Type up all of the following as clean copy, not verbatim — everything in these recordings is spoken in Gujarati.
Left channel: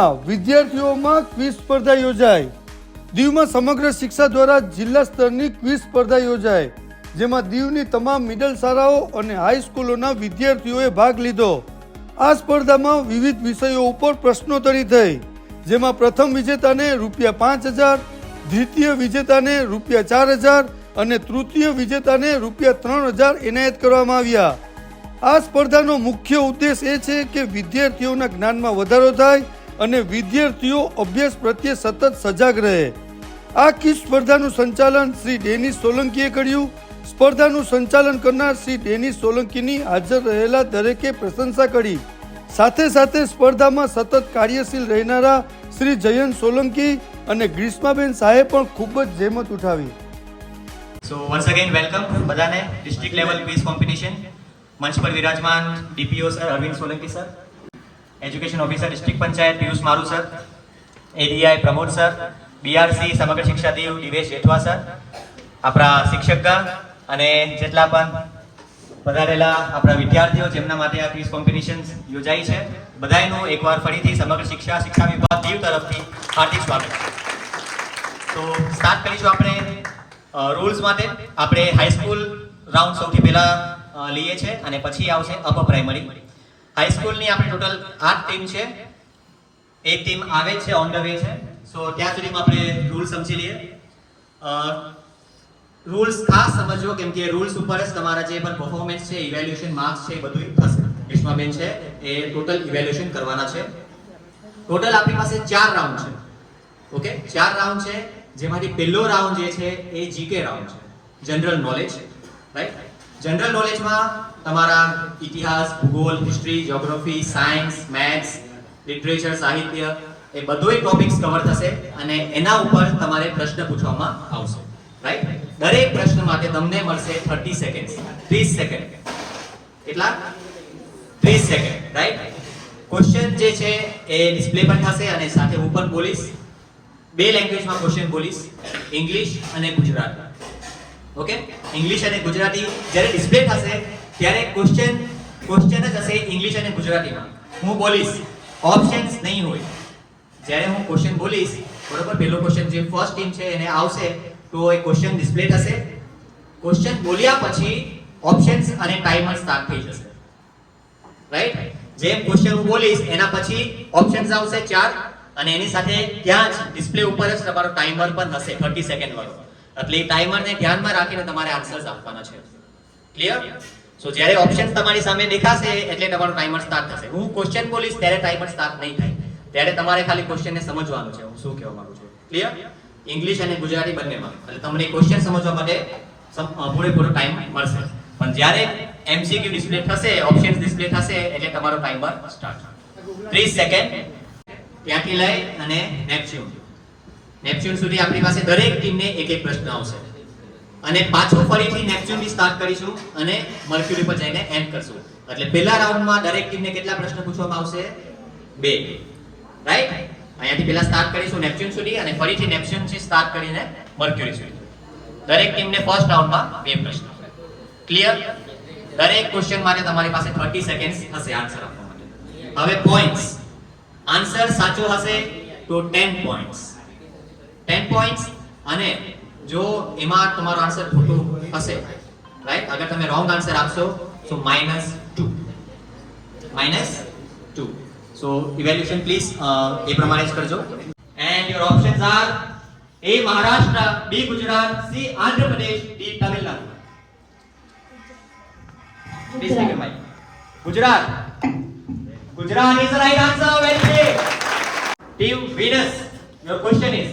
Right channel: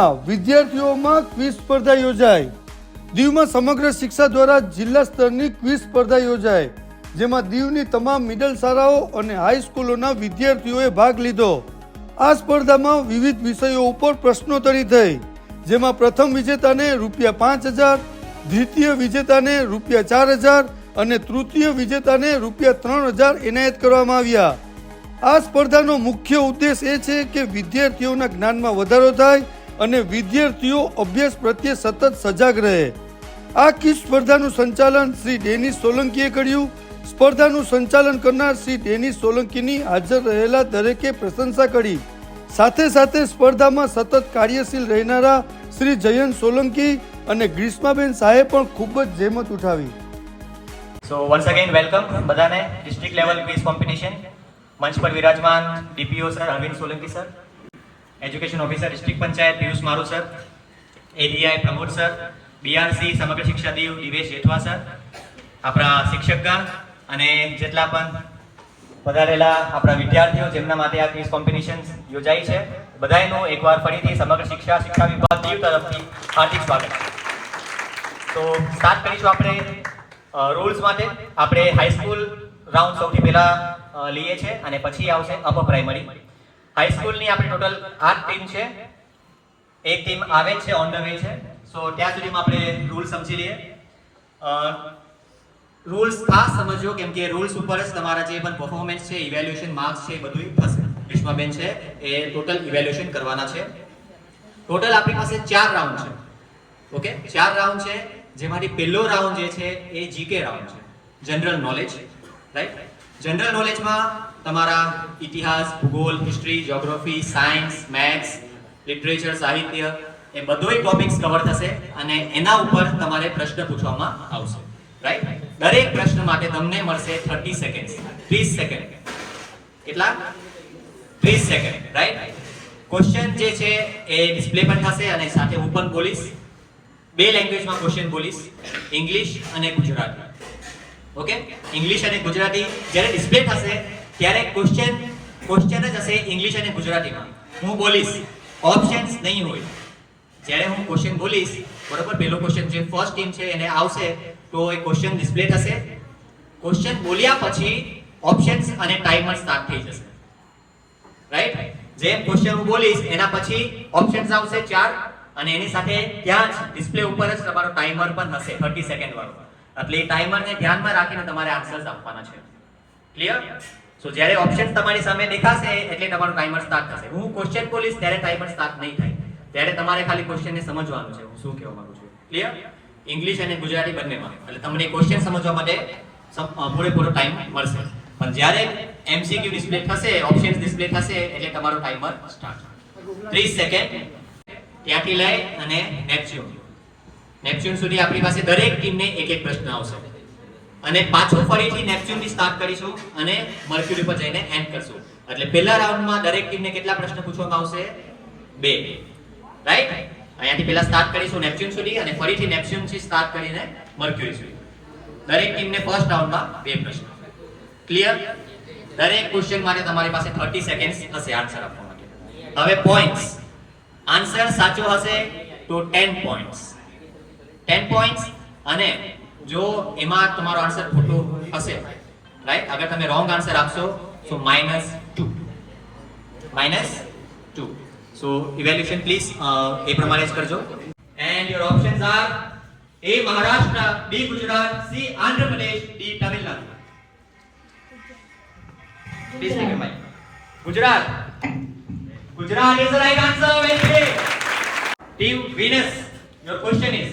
દીવમાં વિદ્યાર્થીઓમાં ક્વિઝ સ્પર્ધા યોજાઈ. દીવમાં સમગ્ર શિક્ષા દ્વારા જિલ્લા સ્તરની ક્વિઝ સ્પર્ધા યોજાઈ, જેમાં દીવની તમામ મિડલ શાળાઓ અને હાઈસ્કૂલોના વિદ્યાર્થીઓએ ભાગ લીધો. આ સ્પર્ધામાં વિવિધ વિષયો ઉપર પ્રશ્નોત્તરી થઈ, જેમાં પ્રથમ વિજેતાને ₹5,000, દ્વિતીય વિજેતાને ₹4,000 અને તૃતીય વિજેતાને ₹3,000 એનાયત કરવામાં આવ્યા. આ સ્પર્ધાનો મુખ્ય ઉદ્દેશ એ છે કે વિદ્યાર્થીઓના જ્ઞાનમાં વધારો થાય અને વિદ્યાર્થીઓ અભ્યાસ પ્રત્યે સતત સજાગ રહે. આ ક્વિઝ સ્પર્ધાનું સંચાલન શ્રી ડેનિસ સોલંકીએ કર્યું. સ્પર્ધાનું સંચાલન કરનાર શ્રી ડેનિસ સોલંકીની હાજર રહેલા દરેકે પ્રશંસા કરી. સાથે સાથે સ્પર્ધામાં સતત કાર્યશીલ રહેનારા શ્રી જયંત સોલંકી અને ગ્રીષ્માબેન શાહે પણ ખૂબ જ જહેમત ઉઠાવી. સો વન્સ અગેન વેલકમ બધાને ડિસ્ટ્રિક્ટ લેવલ ક્વિઝ કોમ્પિટિશન. મંચ પર વિરાજમાન DPO sir Arvind Solanki sir, education officer district panchayat Piyush Maru sir, ADI Pramod sir, BRC Samagra Shiksha Diu Divesh Jethwa sir, આપણા શિક્ષકગણ અને જેટલા પણ પધારેલા આપણા વિદ્યાર્થીઓ જેમના માટે આ ક્વિઝ કોમ્પિટિશન યોજાઈ છે, બધાનું એકવાર ફરીથી સમગ્ર શિક્ષા વિભાગ દીવ તરફથી હાર્દિક સ્વાગત. તો સ્ટાર્ટ કરીશું આપણે રૂલ્સ માટે. આપણે હાઈસ્કૂલ રાઉન્ડ સૌથી પહેલા લઈએ છે અને પછી આવશે અપર પ્રાઇમરી. હાઈસ્કૂલની આપણે ટોટલ 8 ટીમ છે. એક ટીમ આવે છે, ઓન ધ વે છે. સો ત્યાં સુધીમાં આપણે રૂલ્સ સમજી લઈએ. રૂલ્સ ખાસ સમજો, કેમ કે રૂલ્સ ઉપર જ તમારા જે પણ પરફોર્મન્સ છે, ઇવેલ્યુએશન માર્ક્સ છે, બધું થશે. ગ્રીષ્માબેન છે એ ટોટલ ઇવેલ્યુએશન કરવાના છે. ટોટલ આપણી પાસે 4 રાઉન્ડ છે. ઓકે, 4 રાઉન્ડ છે, જેમાંથી પહેલો રાઉન્ડ જે છે એ જીકે રાઉન્ડ છે, જનરલ નોલેજ. રાઈટ, જનરલ નોલેજમાં તમારા ઇતિહાસ, ભૂગોળ, history, geography, science, maths, literature, સાહિત્ય એ બધોય ટોપિક્સ કવર થશે અને એના ઉપર તમારે પ્રશ્ન પૂછવામાં આવશે. રાઈટ, દરેક પ્રશ્ન માટે તમને મળશે 30 સેકન્ડ. 30 સેકન્ડ કેટલા? 30 સેકન્ડ. રાઈટ, ક્વેશ્ચન જે છે એ ડિસ્પ્લે પણ થશે અને સાથે હું પણ બોલીશ. 2 લેંગ્વેજમાં ક્વેશ્ચન બોલીશ, ઇંગ્લિશ અને ગુજરાતી. ઓકે, ઇંગ્લિશ અને ગુજરાતી જ્યારે ડિસ્પ્લે થશે ત્યારે ક્વેશ્ચન જ હશે ઇંગ્લિશ અને ગુજરાતીમાં. હું બોલીશ, ઓપ્શન્સ નહીં હોય. જ્યારે હું ક્વેશ્ચન બોલીશ, બરોબર, પહેલો ક્વેશ્ચન જે ફર્સ્ટ ટીમ છે એને આવશે તો એ ક્વેશ્ચન ડિસ્પ્લે થશે. ક્વેશ્ચન બોલ્યા પછી ઓપ્શન્સ અને ટાઈમર સ્ટાર્ટ થઈ જશે. રાઈટ, જેમ ક્વેશ્ચન હું બોલીશ એના પછી ઓપ્શન્સ આવશે 4 અને એની સાથે ત્યાં જ ડિસ્પ્લે ઉપર જ તમારો ટાઈમર પણ હશે 30 સેકન્ડ વાળો. એટલે એ ટાઈમરને ધ્યાનમાં રાખીને તમારે આન્સર્સ આપવાના છે. ક્લિયર? સો જ્યારે ઓપ્શન્સ તમારી સામે દેખાશે એટલે તમારો ટાઈમર સ્ટાર્ટ થશે. હું ક્વેશ્ચન બોલીશ ત્યારે ટાઈમર સ્ટાર્ટ નહીં થાય. ત્યારે તમારે ખાલી ક્વેશ્ચનને સમજવાનું છે, હું શું કહેવા માંગુ છું. ક્લિયર? ઇંગ્લિશ અને ગુજરાતી બંનેમાં. એટલે તમને ક્વેશ્ચન સમજવા માટે પૂરેપૂરો ટાઈમ મળશે. પણ જ્યારે એમસીક્યુ ડિસ્પ્લે થશે, ઓપ્શન્સ ડિસ્પ્લે થશે એટલે તમારો ટાઈમર સ્ટાર્ટ. 30 સેકન્ડ. ત્યાંથી લઈ અને નેપચ્યુન સુધી આપણી પાસે દરેક ટીમને એક એક પ્રશ્ન આવશે અને પાછું ફરીથી નેપચ્યુન થી સ્ટાર્ટ કરીશું અને મર્ક્યુરી પર જઈને એન્ડ કરશું. એટલે પહેલા રાઉન્ડમાં દરેક ટીમને કેટલા પ્રશ્ન પૂછવામાં આવશે? 2. રાઈટ, અહીંયાથી પહેલા સ્ટાર્ટ કરીશું નેપચ્યુન સુધી અને ફરીથી નેપચ્યુન થી સ્ટાર્ટ કરીને મર્ક્યુરી સુધી. દરેક ટીમને ફર્સ્ટ રાઉન્ડમાં 2 પ્રશ્ન. ક્લિયર? દરેક ક્વેશ્ચન માટે તમારી પાસે 30 સેકન્ડ્સ હશે આન્સર આપવા માટે. હવે પોઈન્ટ્સ. આન્સર સાચો હશે તો 10 પોઈન્ટ્સ. 10 પોઈન્ટ્સ અને જો એમાં તમારો આન્સર ખોટો હશે, રાઈટ, અગર તમે રોંગ આન્સર આપશો તો -2. સો ઇવેલ્યુએશન પ્લીઝ એ પ્રમાણે જ કરજો. And your options R A Maharashtra, B Gujarat, C Andhra Pradesh, D Tamil Nadu. Please take your mic. Gujarat. Gujarat is the right answer. Very good. Team Venus, your question is,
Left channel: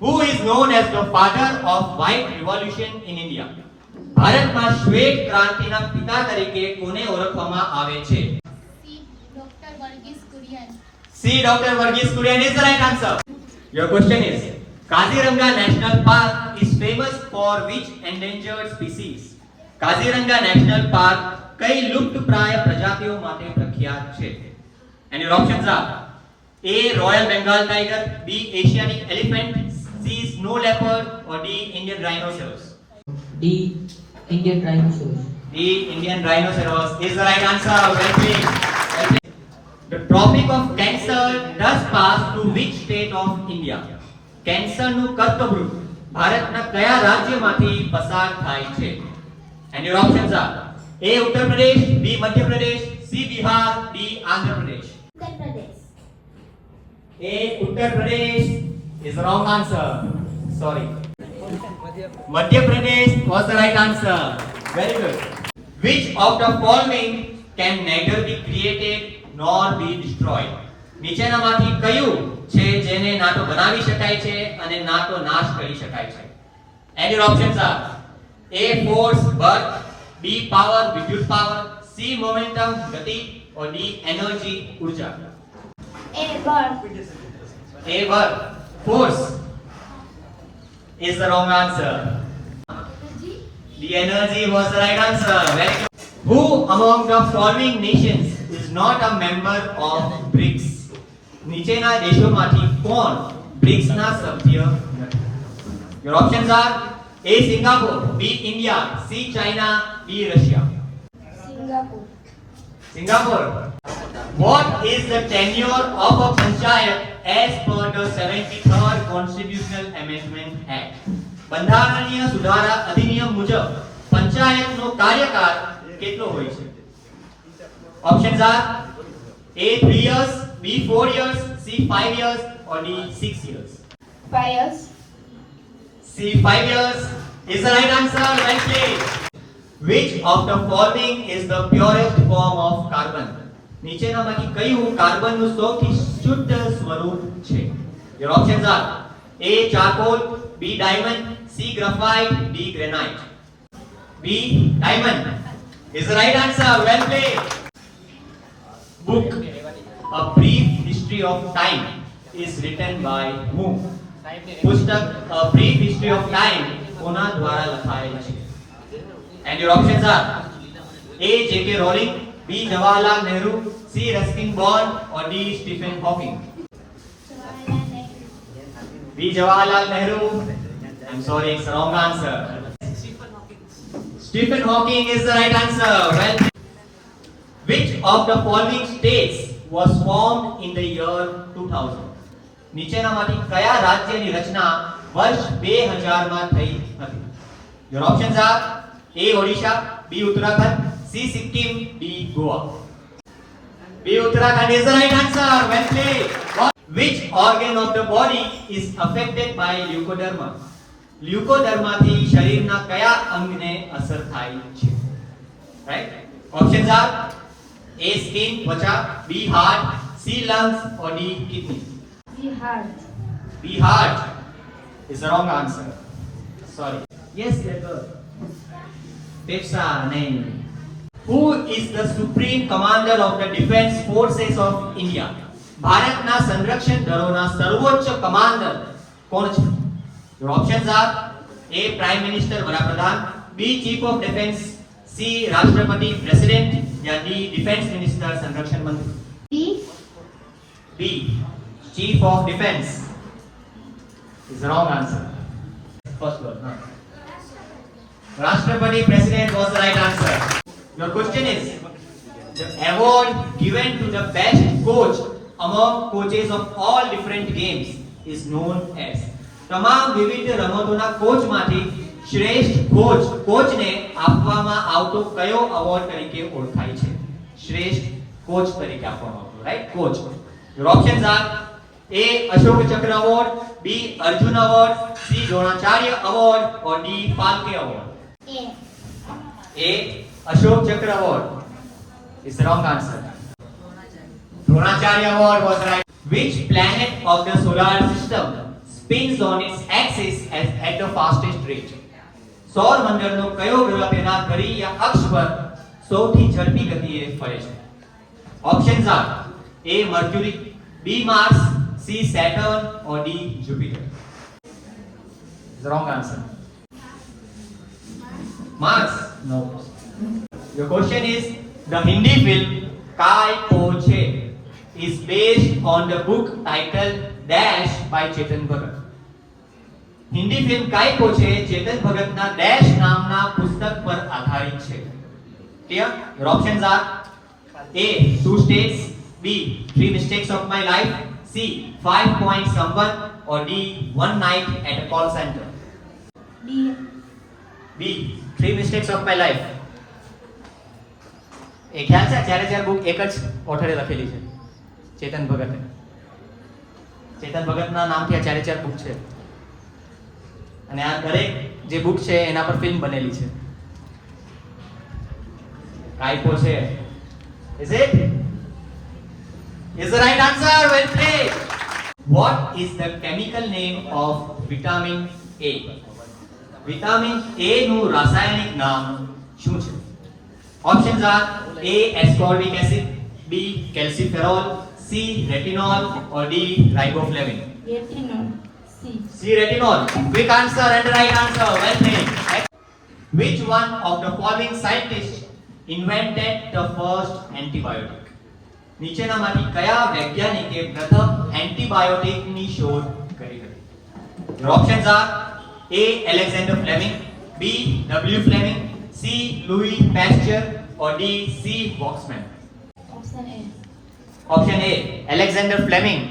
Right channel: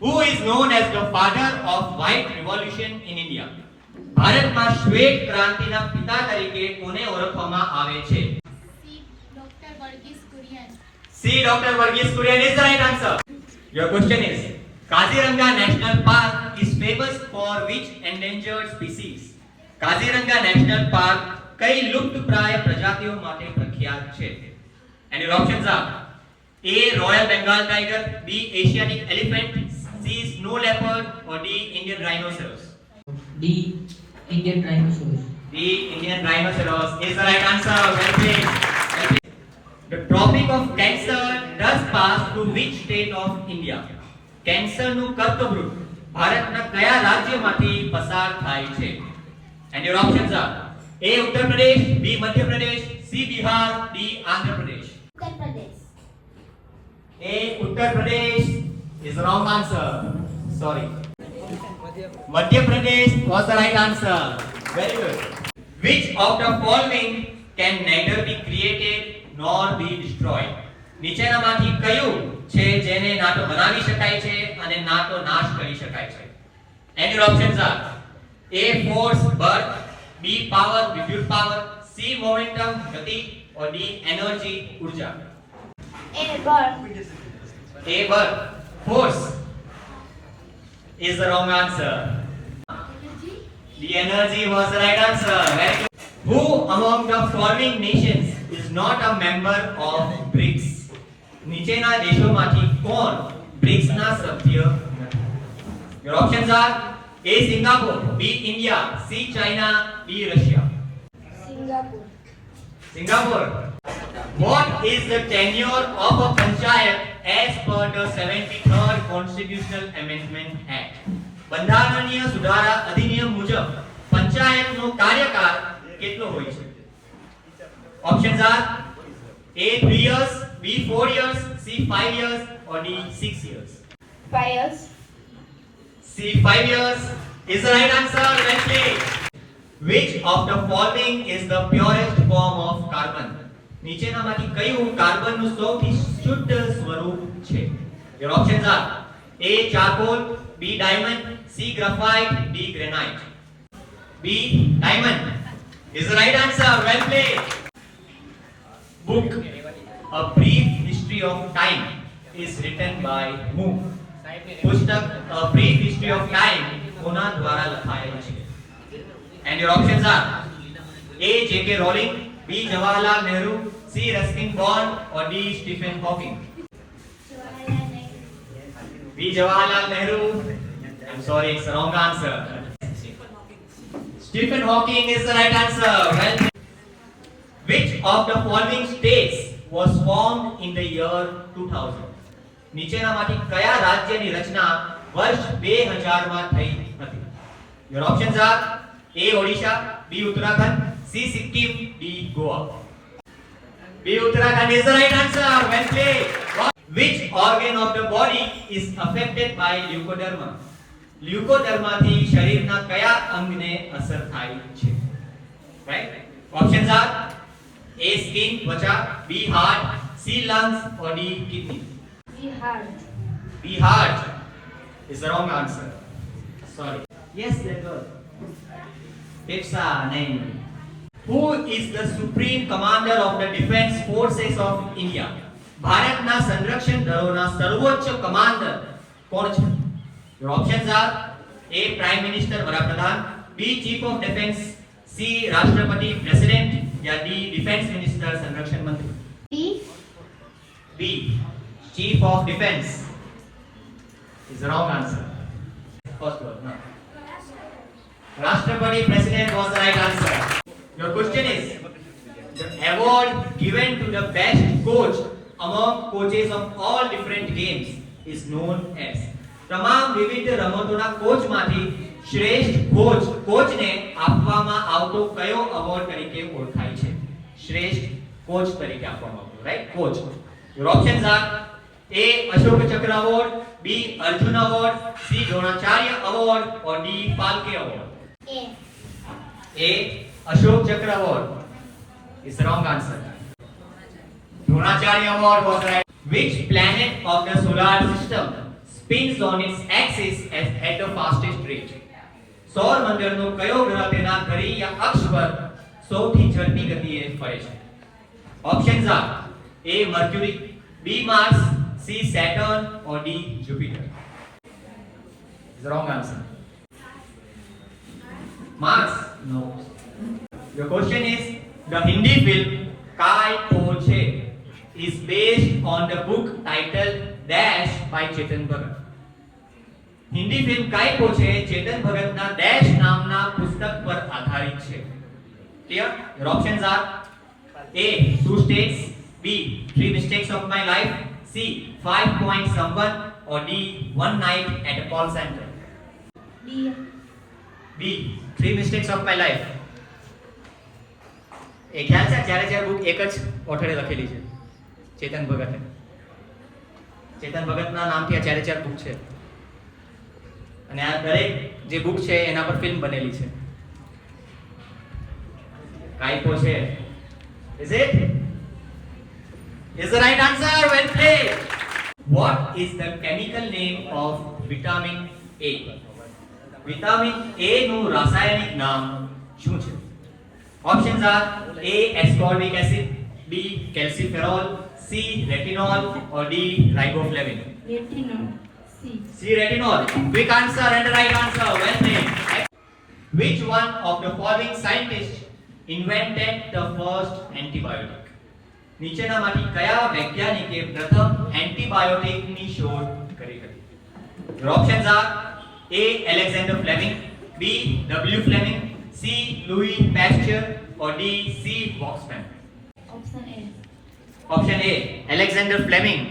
who is known as the father of white revolution in India? ભારતમાં શ્વેત ક્રાંતિના પિતા તરીકે કોને ઓળખવામાં આવે છે? C. Dr. Varghese Kurian is the right answer. Your question is, Kaziranga National Park is famous for which endangered species? Kaziranga National Park કઈ લુપ્તપ્રાય પ્રજાતિઓ માટે પ્રખ્યાત છે? And your options are A. Royal Bengal tiger, B. Asiatic elephant, C. Snow leopard or D. Indian rhinoceros. D. Indian rhinoceros. D. Indian rhinoceros is the right answer. Very good. The Tropic of Cancer does pass through which state of India? કેન્સરનું કર્કવૃત ભારતના કયા રાજ્યમાંથી પસાર થાય છે? And your options are A. Uttar Pradesh, B. Madhya Pradesh, C. Bihar, D. Andhra Pradesh. Uttar Pradesh. A. Uttar Pradesh is the wrong answer. Sorry. Madhya Pradesh was the right answer. Very good. Which of the following can neither be created nor be destroyed? નીચેનામાંથી કયું છે જેને ના તો બનાવી શકાય છે અને ના તો નાશ કરી શકાય છે? And your options are A. force birth, B. power વિદ્યુત power, C. momentum ગતિ or D. energy ઊર્જા. A. Birth. A. birth, force is the wrong answer. The energy was the right answer. Very good. Who among the following nations is not a member of BRICS? નીચેના દેશોમાંથી કોણ બ્રિક્સના સભ્ય નથી? Your options are A. Singapore, B. India, C. China, D. Russia. Singapore. Singapore. What is the tenure of a panchayat as per the 73rd Constitutional Amendment Act? બંધારણીય સુધારા અધિનિયમ મુજબ પંચાયતનો કાર્યકાળ કેટલો હોય છે? Options are A. 3 years, B. 4 years, C. 5 years or D. 6 years. 5 years. C. 5 years is the right answer. Well played. Which of the following is the purest form of carbon? નીચેનામાંથી કયું કાર્બનનું સૌથી શુદ્ધ સ્વરૂપ છે? Your options are A. charcoal, B. diamond, C. graphite, D. granite. B. diamond is the right answer. Well played. Book A Brief History of Time is written by whom? પુસ્તક A Brief History of Time કોના દ્વારા લખાયેલ છે? And your options are A. J.K. Rowling, B. Jawaharlal Nehru, C. Ruskin Bond or D. Stephen Hawking. Jawaharlal Nehru. B. Jawaharlal Nehru. I'm sorry, it's the wrong answer. Stephen Hawking is the right answer. Well, which of the following states was formed in the year 2000? નીચેનામાંથી કયા રાજ્યની રચના વર્ષ 2000 માં થઈ હતી? Your options are A. Odisha, B. Uttarakhand, C. Sikkim, D. Goa. B. Uttarakhand is the right answer. Well played. Which organ of the body is affected by leukoderma? લ્યુકોડર્માથી શરીરના કયા અંગને અસર થાય છે? Right? Options are A. skin ત્વચા, B. heart, C. lungs or D. kidney. B. Heart. B. heart is the wrong answer. Sorry. Yes, that was. Pepsa nahi. Who is the supreme commander of the defense forces of India? ભારતના સંરક્ષણ દળોના સર્વોચ્ચ કમાન્ડર કોણ છે? Your options are A. Prime Minister વડાપ્રધાન, B. Chief of Defense, C. રાષ્ટ્રપતિ President या D. Defense Minister સંરક્ષણ મંત્રી. B. B. Chief of Defense is the wrong answer. First one. No. Rashtrapati President was the right answer. Your question is the award given to the best coach among coaches of all different games is known as. તમામ વિવિધ રમતોના કોચમાંથી શ્રેષ્ઠ કોચને આપવામાં આવતો કયો અવોર્ડ તરીકે ઓળખાય છે? શ્રેષ્ઠ કોચ તરીકે આપવામાં આવતો, right? Coach. Your options are A. Ashok Chakra award, B. Arjuna award, C. Dronacharya award or D. Phalke award. A. A. Ashok Chakra award is the wrong answer. Dronacharya award was right. Which planet of the solar system spins on its axis at the fastest rate? સૌર મંડળનો કયો ગ્રહ તેના ધરી યા અક્ષ પર સૌથી ઝડપી ગતિએ ફરે છે? Options are A. Mercury, B. Mars, C. Saturn or D. Jupiter. The wrong answer. Mars? No. Your question is the Hindi film Kai Po Che is based on the book titled Dash by Chetan Bhagat. Hindi film કાઈ પો છે ચેતન ભગતના ડેશ નામના પુસ્તક પર આધારિત છે. Clear? Your options are A. 2 states, B. B. 3 mistakes of my life. C. 5 points someone. Or D. 1 night at a call center. D. B. 3 mistakes of my life. એ ખ્યાલ છે જ્યારે બુક એક જ ઓથરે લખેલી છે ચેતન ભગતે. ચેતન ભગતના નામથી આ ચારે ચાર બુક છે અને આ દરેક જે બુક છે એના પર ફિલ્મ બનેલી છે. કાઈપો છે. Is it? Is the right answer? Well played. What is the chemical name of vitamin A? Vitamin A નું રાસાયણિક નામ શું છે? Options are A. ascorbic acid, B. calciferol, C. retinol, or D. riboflavin. Retinol. C. C. retinol. Quick answer and the right answer. Well played. Which one of the following scientists invented the first antibiotic? નીચેનામાંથી કયા વૈજ્ઞાનિકે પ્રથમ એન્ટીબાયોટિકની શોધ કરી હતી? Your options are A. Alexander Fleming, B. W. Fleming, C. Louis Pasteur, or D. C. Waxman. Option A. Option A. Alexander Fleming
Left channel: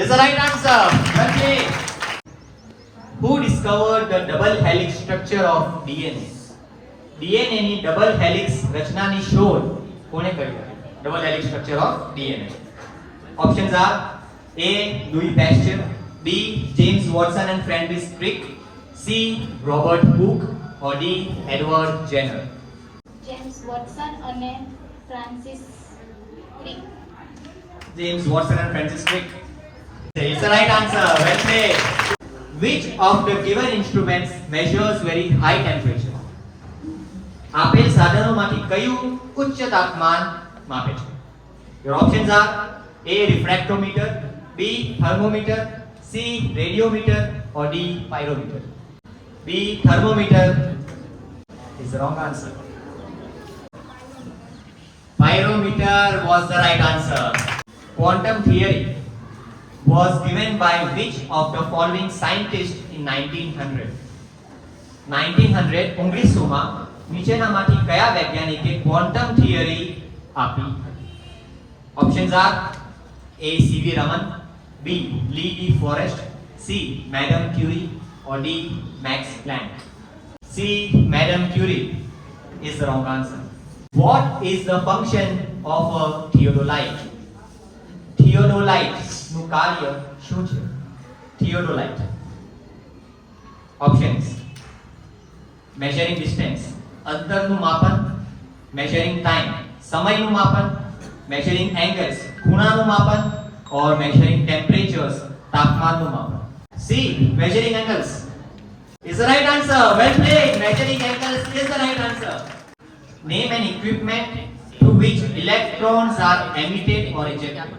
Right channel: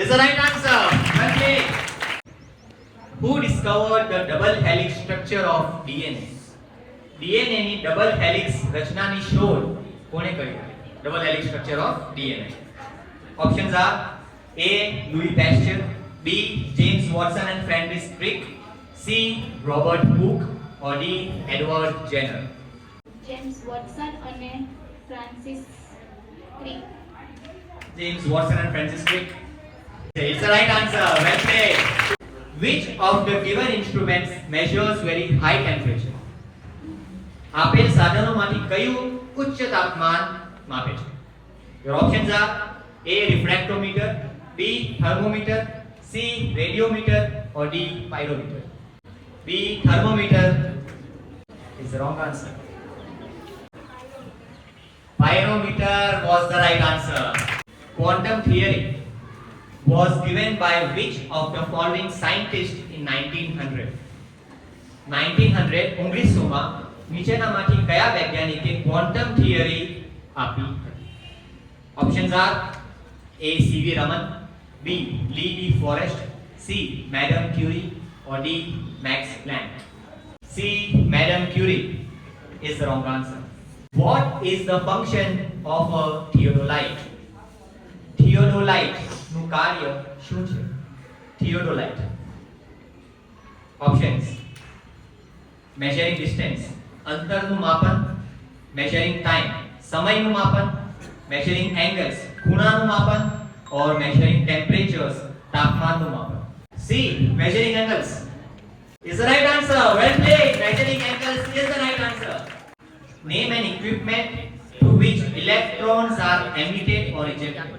is the right answer. Well played. Who discovered the double helix structure of DNA? DNA ની double helix રચનાની શોધ કોણે કરી? Double helix structure of DNA. Options are A. Louis Pasteur, B. James Watson and Francis Crick, C. Robert Hooke, or D. Edward Jenner. James Watson અને Francis Crick. James Watson and Francis Crick. It's the right answer. Well played. Which of the given instruments measures very high temperature? આપેલ સાધનોમાંથી કયું ઉચ્ચ તાપમાન માપે છે? Your options are A. refractometer, B. thermometer, C. radiometer, or D. pyrometer. B. thermometer is the wrong answer. Pyrometer was the right answer. Quantum theory was given by which of the following scientists in 1900? 1900 1900 નીચેનામાંથી કયા વૈજ્ઞાનિકે ક્વોન્ટમ થિયરી આપી હતી? Options R A. C.V. Raman, B. Lee E. Forrest, C. Madame Curie, or D. Max Planck. C. Madame Curie is the wrong answer. What is the function of a theodolite? Theodolite નું કાર્ય શું છે? Theodolite. Options: measuring distance, અંતરનું માપન, measuring time, સમયનું માપન, measuring angles, ખૂણાનું માપન, or measuring temperatures, તાપમાનનું માપન. C. measuring angles is the right answer. Well played. Measuring angles is the right answer. Name an equipment through which electrons are emitted or ejected.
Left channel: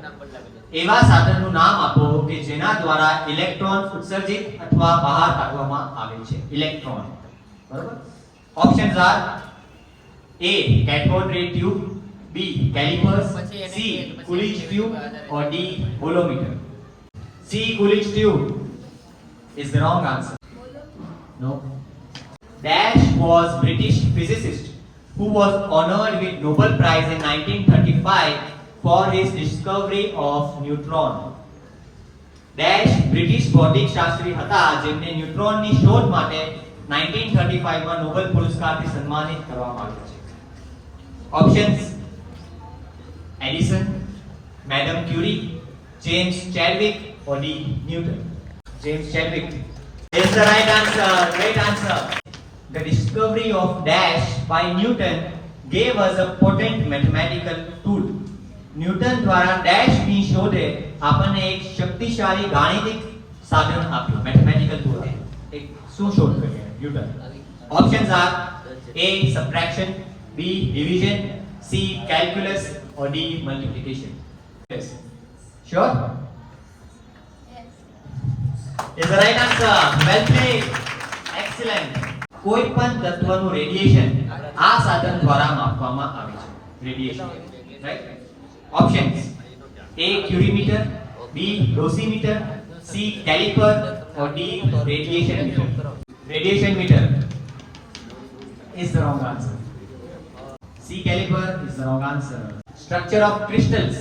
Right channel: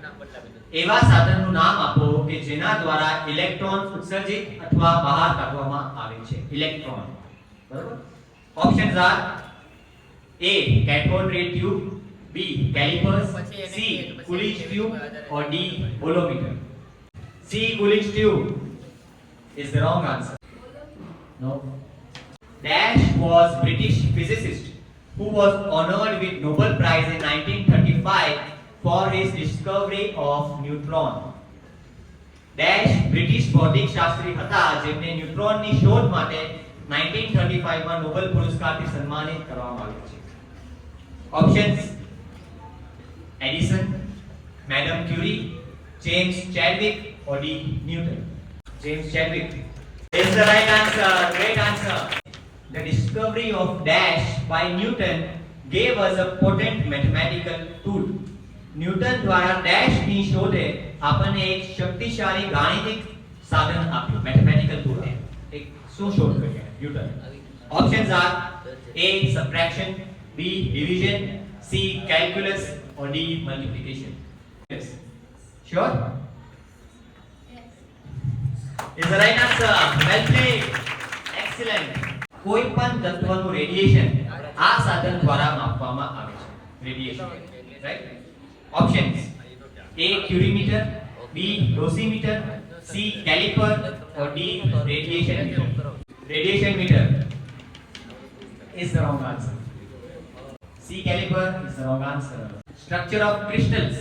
એવા સાધનનું નામ આપો કે જેના દ્વારા ઇલેક્ટ્રોન ઉત્સર્જિત અથવા બહાર કાઢવામાં આવે છે. ઇલેક્ટ્રોન. બરાબર? Options R A. cathode ray tube, B. calipers, C. Coolidge tube, or D. bolometer. C. Coolidge tube is the wrong answer. No. Dash was British physicist who was honored with Nobel Prize in 1935 for his discovery of neutron. Dash British ભૌતિક શાસ્ત્રી હતા જેમને ન્યુટ્રોનની શોધ માટે 1935 માં નોબેલ પુરસ્કારથી સન્માનિત કરવામાં આવ્યા છે. Options: Edison, Madame Curie, James Chadwick, or D. Newton. James Chadwick is the right answer. Great answer. The discovery of dash by Newton gave us a potent mathematical tool. Newton દ્વારા ડેશ ની શોધે આપણને એક શક્તિશાળી ગાણિતિક સાધન આપ્યું. Mathematical tool. એક શું શોધ કરી newton? Options R A. subtraction, B. division, C. calculus, or D. multiplication. Yes. Sure? Is the right answer. Well played. Excellent. કોઈ પણ તત્વનું રેડિયેશન આ સાધન દ્વારા માપવામાં આવે છે. Radiation. Right? Options: A. Curiemeter, B. Dosimeter, C. Caliper, or D. Radiation meter. Radiation meter is the wrong answer. C. Caliper is the wrong answer. Structure of crystals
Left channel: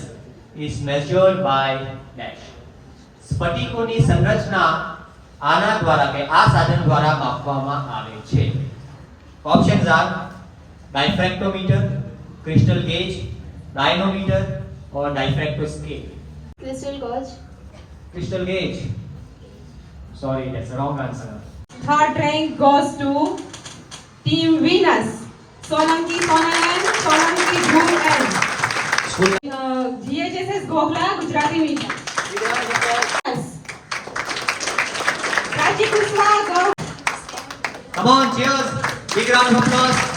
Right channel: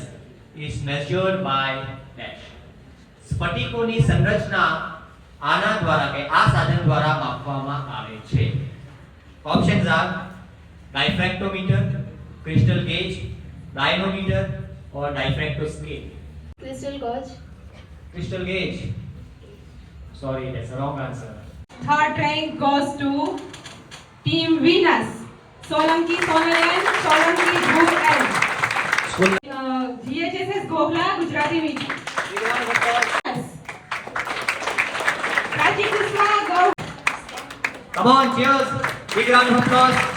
is measured by dash. સ્ફટિકોની સંરચના આના દ્વારા કે આ સાધન દ્વારા માપવામાં આવે છે. Options are diffractometer, crystal gauge, dynamometer or diffracto scale. Crystal gauge. Crystal gauge. Sorry, that's the wrong answer. Third rank goes to Team Venus. Solanki Sonalan, Solanki Bhur and GHSS Gokla, Gujarati Medium. Prachi Kusma, go. Come on, cheers. Big round of applause.